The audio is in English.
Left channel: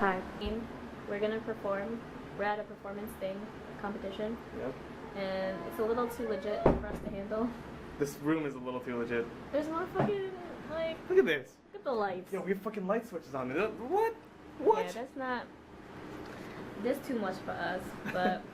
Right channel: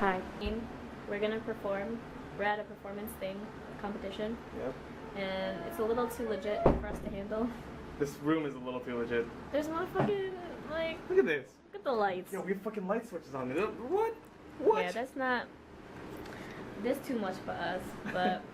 Hi. We're gonna perform. We're at a performance thing, competition. Yep. And it's a little too legit for us to handle. This room is a little too legit. There's no fucking, like... Look at this. Look at the lights. Yo, we have fucking light switches on. What? What? Yeah, that's not... This too much for us, but...